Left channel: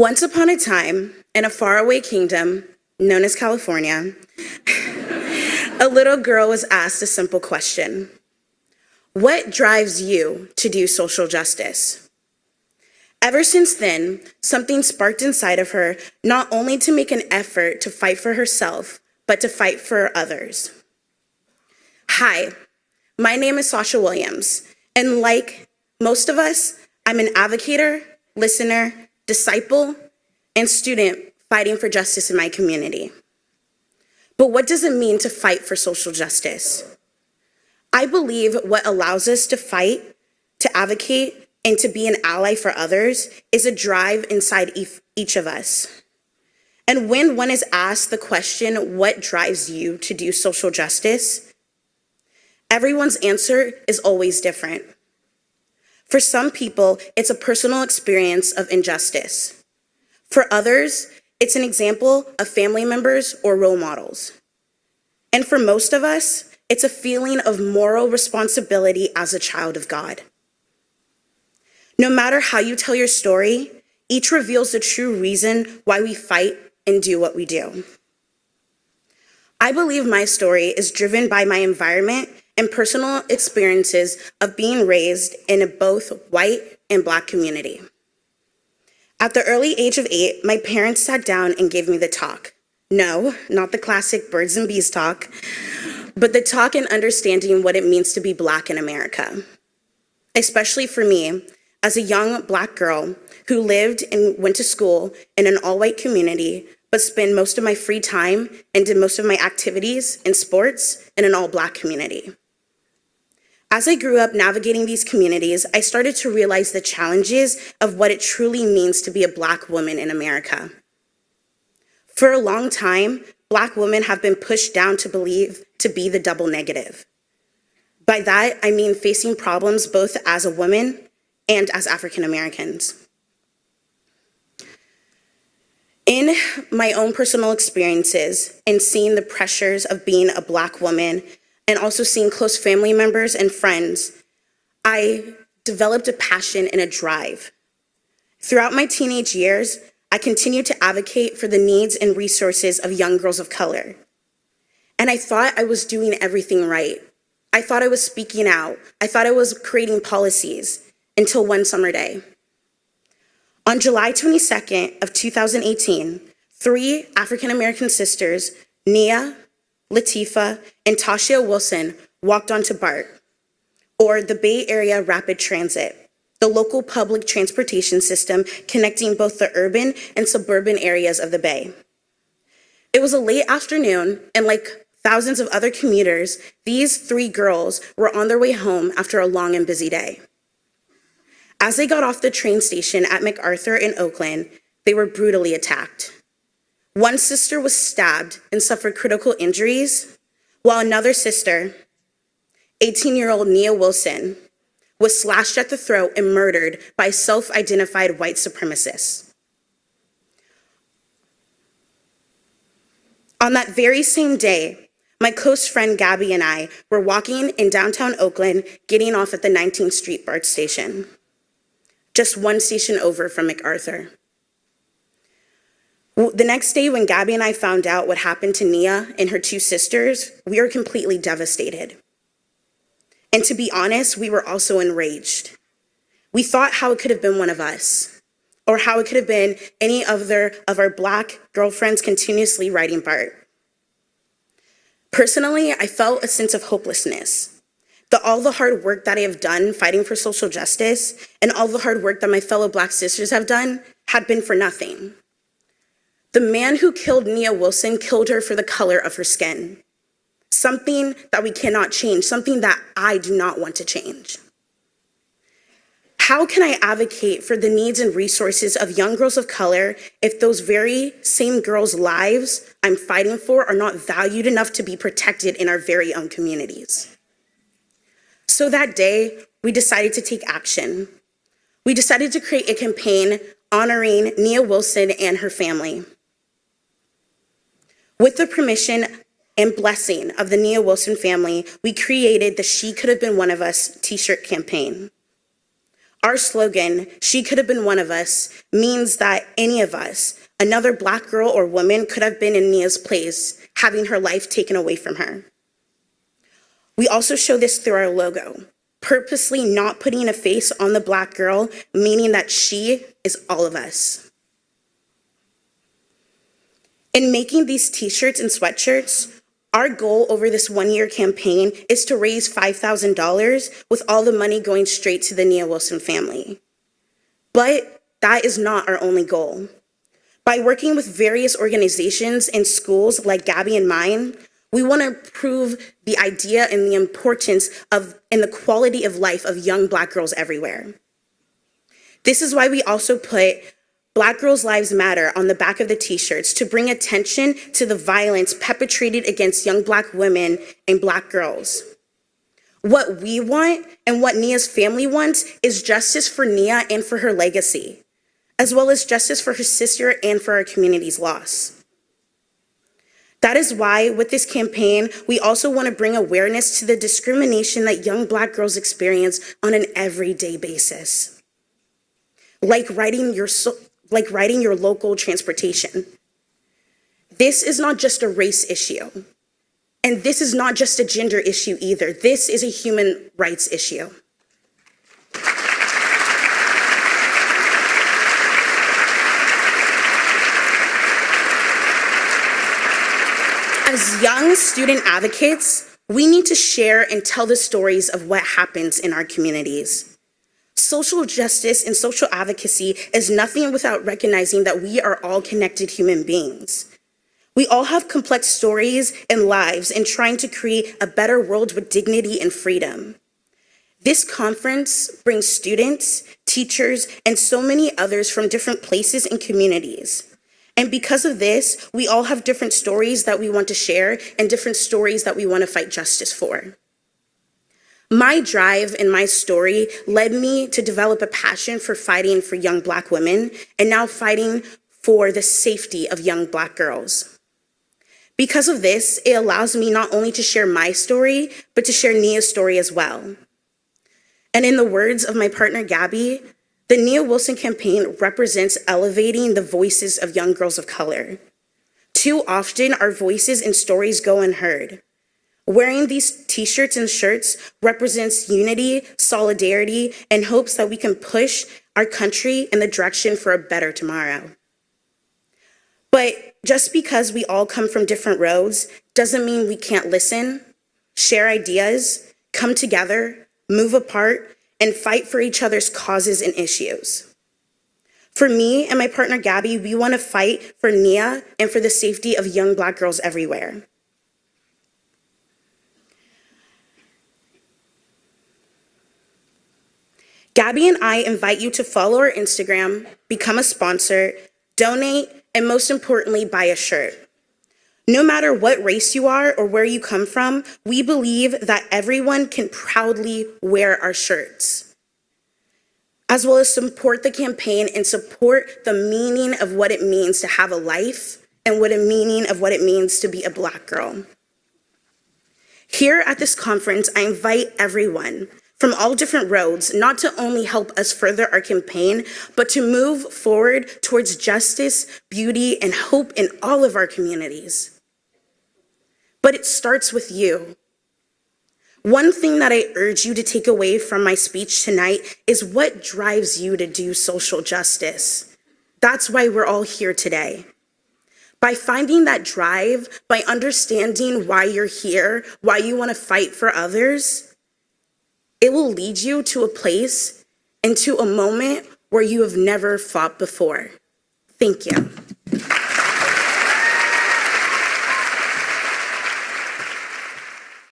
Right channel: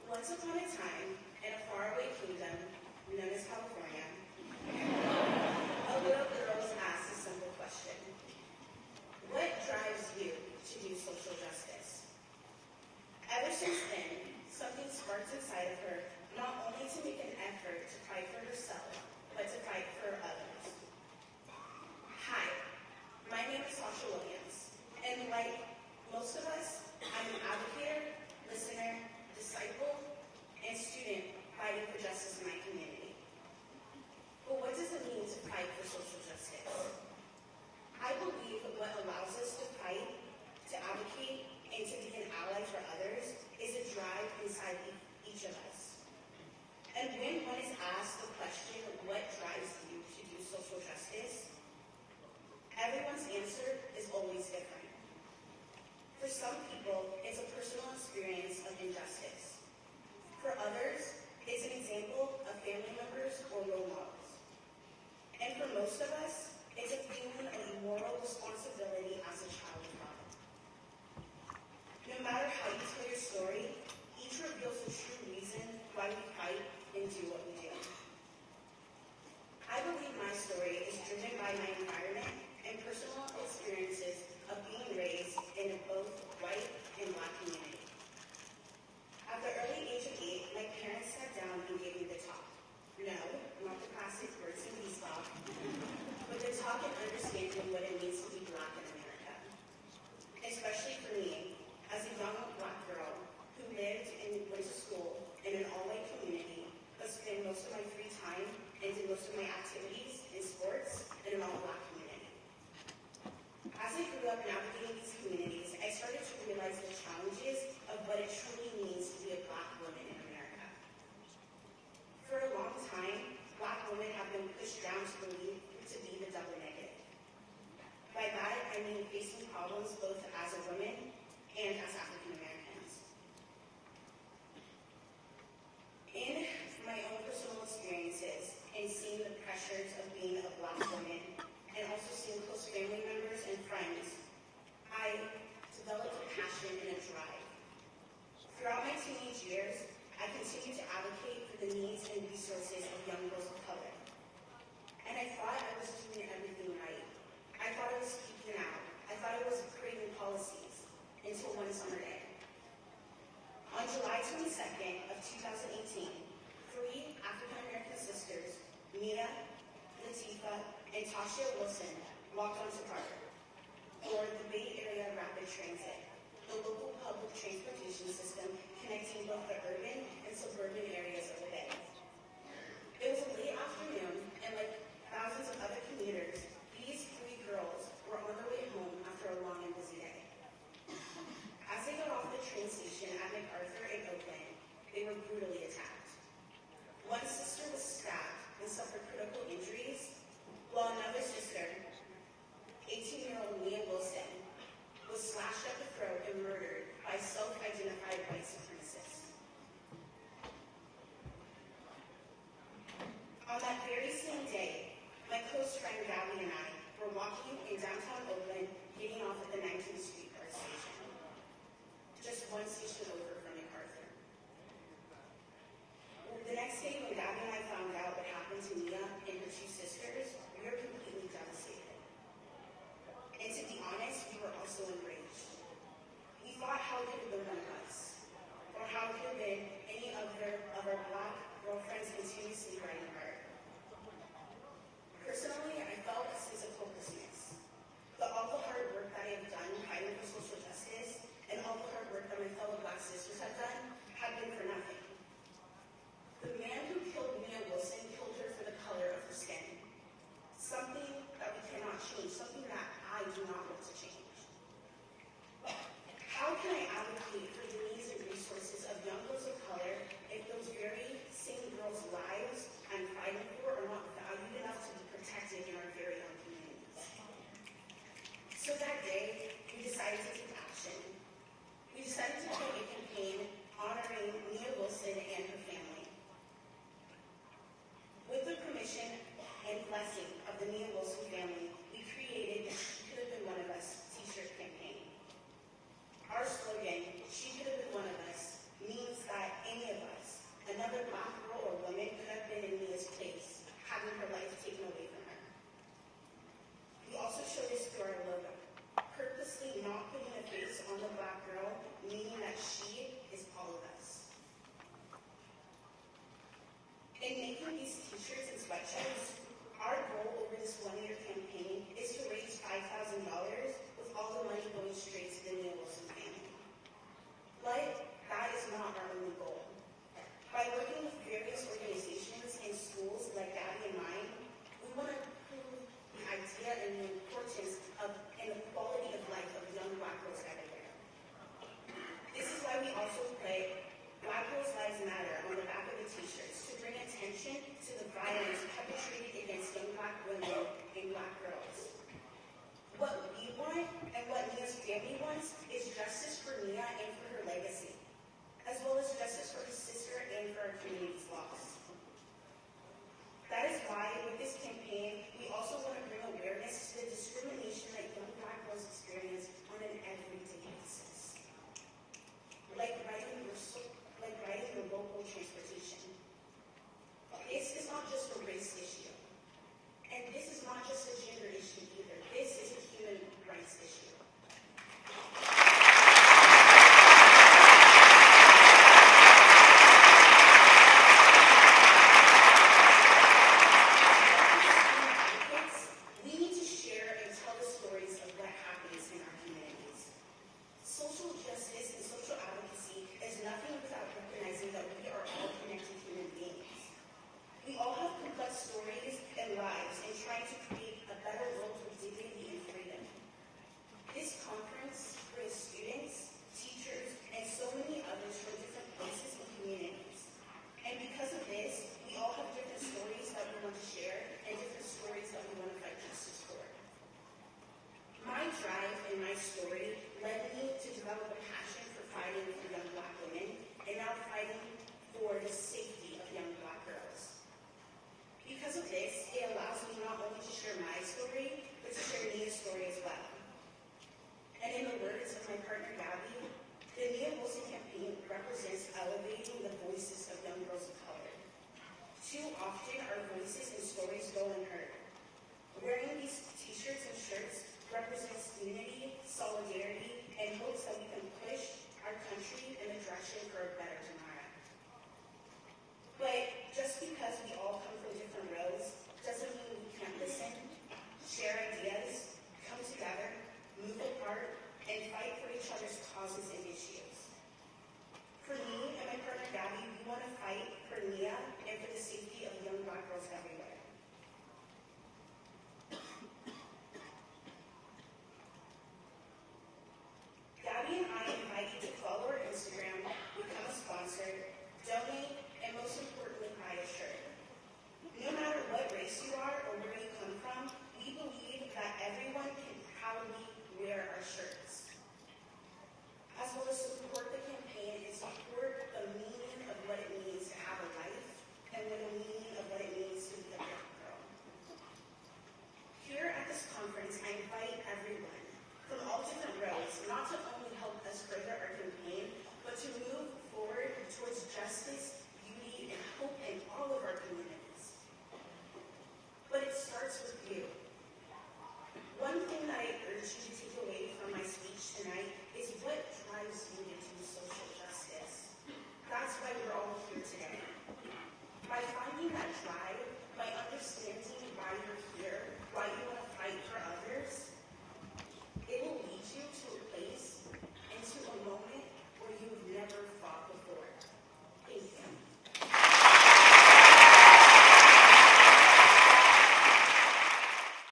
Once upon a time, in a faraway kingdom known as California, a little girl was asked a simple question. What drives you to do social justice? Ever since then, something sparked inside of her, not only to make an effort to fight for herself, but to fight for others. Hi, my name is Sasha Williams, and like most of us, I'm an advocator, listener, disciple, and student fighting for justice in my community. But what does it mean to fight for social justice? I believe what allows us to fight, to advocate, and to be an ally for others is a drive inside each of us. And when one is asked the question, what drives you to do social justice? Everyone's answer is always different. For some people, it's a personal experience of injustice. For others, it's an example of family members or role models. And for most of us, it's a feeling of moral responsibility as a child of God. No matter how you tell your story, each reveals the true reason why we fight and do what we do. I believe my story is driven by my environment and personal experiences of being raised in a both white and Black community. At the early age of 8, my parents sat down and gave me the talk. No, not the classic birds and bees talk, but the talk and understanding what it means to be Black in America. Especially for me, as a young Black girl who lived and went to school in an all-white community, but spent most of my free time and did most of my activities in sports in an all-Black community. As I grew up navigating these communities, I started to realize the challenges of what it truly means to be a Black woman in America. For a long time, Black women have been pushed down to be the double negative. By that, I mean facing problems both as a woman and as African Americans. In my own personal experiences and seeing the pressures of being a Black woman and also seeing close family members and friends, I developed a passion and a drive. Throughout my teenage years, I continued to advocate for the needs and resources of young girls of color. And I thought I was doing everything right. I thought I was speaking out. I thought I was creating policies until one summer day. On July 22nd of 2018, 3 African American sisters, Nia, Latifah, and Tasha Wilson, walked onto BART, or the Bay Area Rapid Transit, the local public transportation system connecting both the urban and suburban areas of the Bay. It was a late afternoon, and like thousands of other commuters, these 3 girls were on their way home after a long and busy day. As they got off the train station at MacArthur in Oakland, they were brutally attacked. One sister was stabbed and suffered critical injuries, while another sister, 18-year-old Nia Wilson, was slashed at the throat and murdered by self-identified white supremacists. On that very same day, my close friend Gabby and I were walking in downtown Oakland, getting off at the 19th Street BART station, just one station over from MacArthur. The next day, when Gabby and I found out what happened to Nia and her 2 sisters, we were completely devastated. And to be honest, we were also enraged. We thought how it could have been one of us, or how it could have been any other of our Black girlfriends continuously riding BART. Personally, I felt a sense of hopelessness. All the hard work that I have done fighting for social justice and all the hard work that my fellow Black sisters have done had been for nothing. The man who killed Nia Wilson killed her for the color of her skin, something that we cannot change, something that I do not want to change. How can I advocate for the needs and resources of young girls of color if those very same girls' lives I'm fighting for are not valued enough to be protected in our very own communities? So that day, we decided to take action. We decided to create a campaign honoring Nia Wilson and her family. With the permission and blessing of the Nia Wilson family, we created the She Could Have Been One of Us t-shirt campaign. Our slogan, "She could have been one of us," means that any of us, another Black girl or woman, could have been in Nia's place, having her life taken away from her. We also show this through our logo, purposely not putting a face on the Black girl, meaning that she is all of us. In making these t-shirts and sweatshirts, our goal over this one-year campaign is to raise $5,000 with all the money going straight to the Nia Wilson family. But that is not our only goal. By working with various organizations and schools like Gabby and mine, we want to improve the idea and the importance of and the quality of life of young Black girls everywhere. This is why we also put Black Girls' Lives Matter on the back of the t-shirts to bring attention to the violence perpetrated against young Black women and Black girls. What we want and what Nia's family wants is justice for Nia and for her legacy, as well as justice for her sister and for our community's loss. That is why, with this campaign, we also want to bring awareness to the discrimination that young Black girls experience on an everyday basis, like riding your local transportation. This is not just a race issue, and this is not just a gender issue either. This is a human rights issue. As young student advocates, we need to share and tell the stories of what happens in our communities. Social justice and social advocacy is nothing without recognizing that we are all connected human beings. We all have complex stories and lives in trying to create a better world with dignity and freedom. This conference brings students, teachers, and so many others from different places and communities. And because of this, we all have different stories that we want to share and different stories that we want to fight justice for. My drive and my story led me to develop a passion for fighting for young Black women and now fighting for the safety of young Black girls. Because of this, it allows me not only to share my story, but to share Nia's story as well. And in the words of my partner, Gabby, the Nia Wilson campaign represents elevating the voices of young girls of color. Too often, our voices and stories go unheard. Wearing these t-shirts and shirts represents unity, solidarity, and hopes that we can push our country in the direction for a better tomorrow. But just because we all come from different roads doesn't mean we can't listen, share ideas, come together, move apart, and fight for each other's causes and issues. For me and my partner Gabby, we want to fight for Nia and for the safety of young Black girls everywhere. Gabby and I invite you to follow our Instagram, become a sponsor, donate, and most importantly, buy a shirt. No matter what race you are or where you come from, we believe that everyone can proudly wear our shirts, as well as support the campaign and support the meaning of what it means to have a life and what a meaning of what it means to be a Black girl. Here at this conference, I invite everyone from all different roads, not to only help us further our campaign, but to move forward towards justice, beauty, and hope in all of our communities. But it starts with you. One thing that I urge you to take away from my speech tonight is what drives you to do social justice. That's why we're all here today. By finding that drive, by understanding why you're here, why you want to fight for others, it will lead you to a place and to a moment where you have never fought before. Thank you.